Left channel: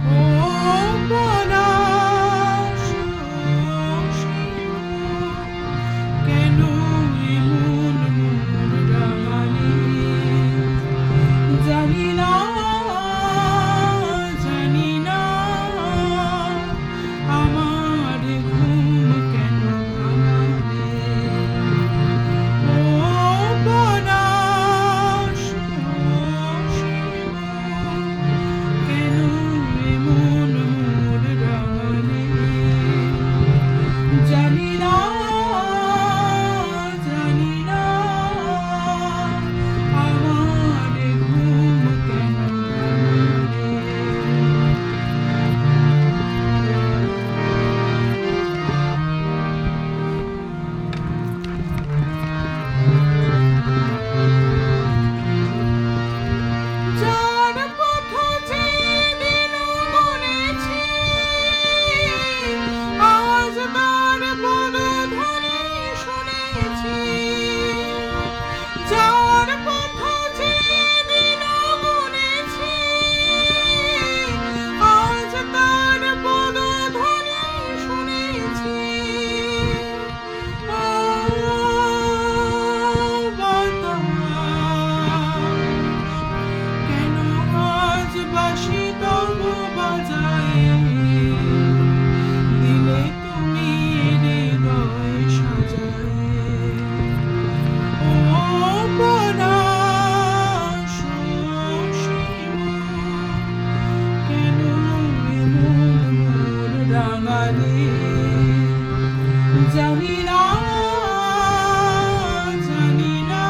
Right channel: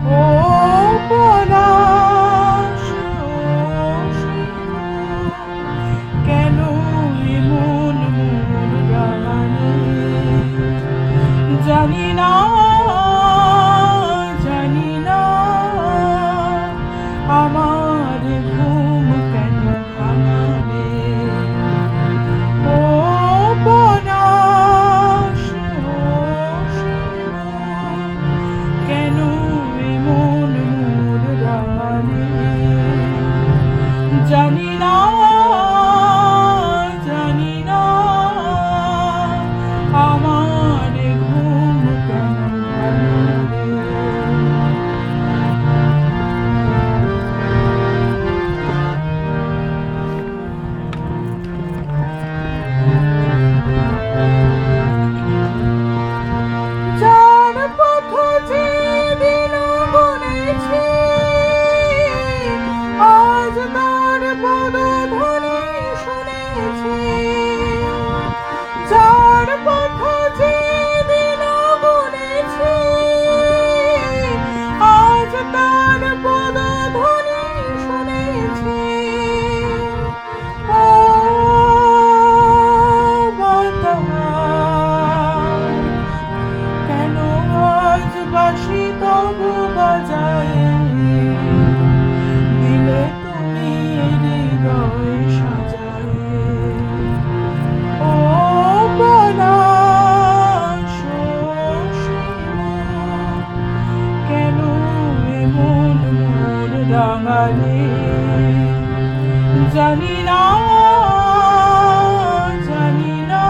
ও পলাশ, কেন এমন মন রাঙানি? জানি না, জানি না, আমার ঘুম কেন ভাঙালে? ও পলাশ, কেন এমন মোর রাঙানি? জানি না, জানি না, আমার ঘুম কেন ভাঙালে? যার পথ যেদিন গুনেছি, আজ তার পদধ্বনি শুনেছি। যার পথ যেদিন গুনেছি, আজ তার পদধ্বনি শুনেছি। ও বাতাস, কেন আজ বাঁশি তবু বাজায়? দিলে তুমি হৃদয় সাজায়। ও পলাশ, কেন এমন মোর রাঙালে? জানি না, জানি না,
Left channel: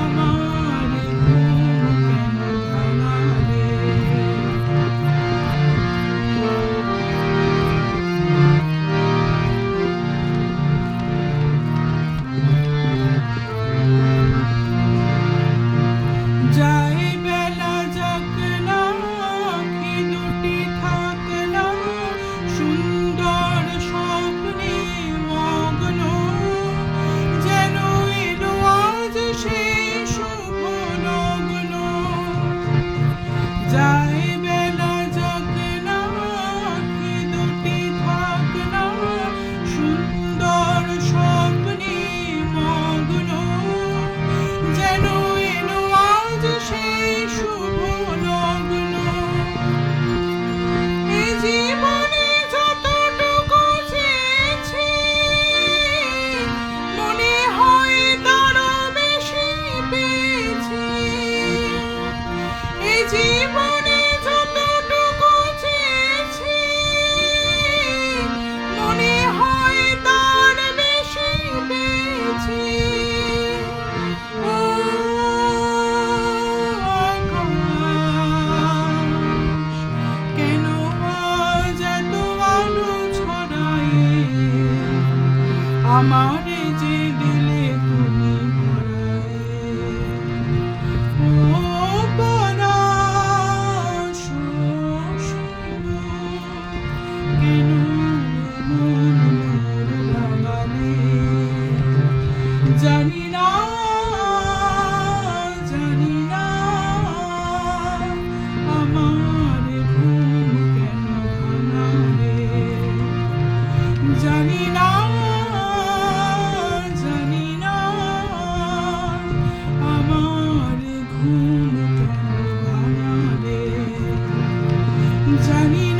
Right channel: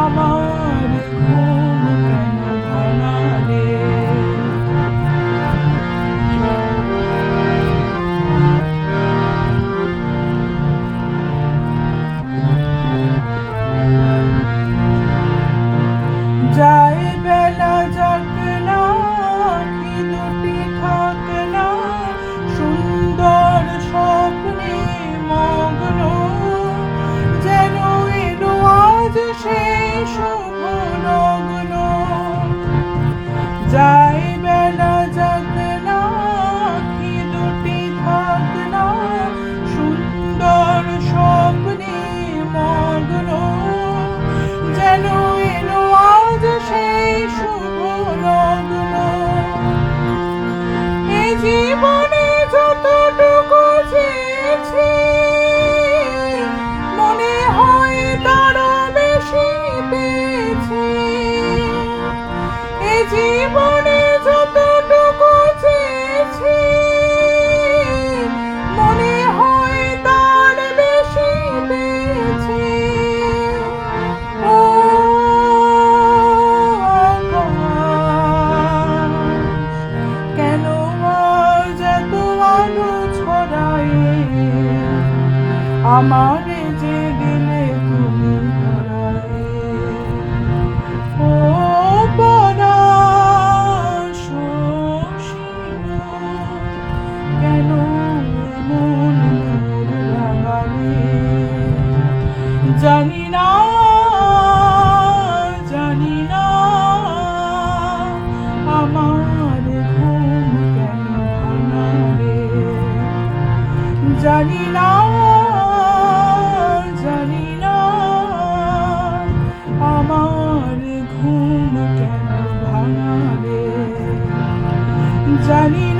আমার ঘুম কেন ভাঙালে? যাই বেলা যাক না, আঁখি দুটি থাক না, সুন্দর স্বপ্নে মগ্ন। যেন এলো আজ সেই শুভ লগ্ন। যাই বেলা যাক না, আঁখি দুটি থাক না, সুন্দর স্বপ্নে মগ্ন। যেন এলো আজ সেই শুভ লগ্ন। এ জীবনে যতটুকু চেয়েছি, মনে হয় তারও বেশি পেয়েছি। এ জীবনে যতটুকু চেয়েছি, মনে হয় তার বেশি পেয়েছি। ও আকাশ, কেন আজ এত আলো ছড়ায়? আমারে যে দিলে তুমি ধরায়। ও পলাশ, কেন এমন মোর রাঙালে? জানি না, জানি না, আমার ঘুম কেন ভাঙালে? জানি না, জানি না, আমার ঘুম কেন ভাঙালে? জানি না।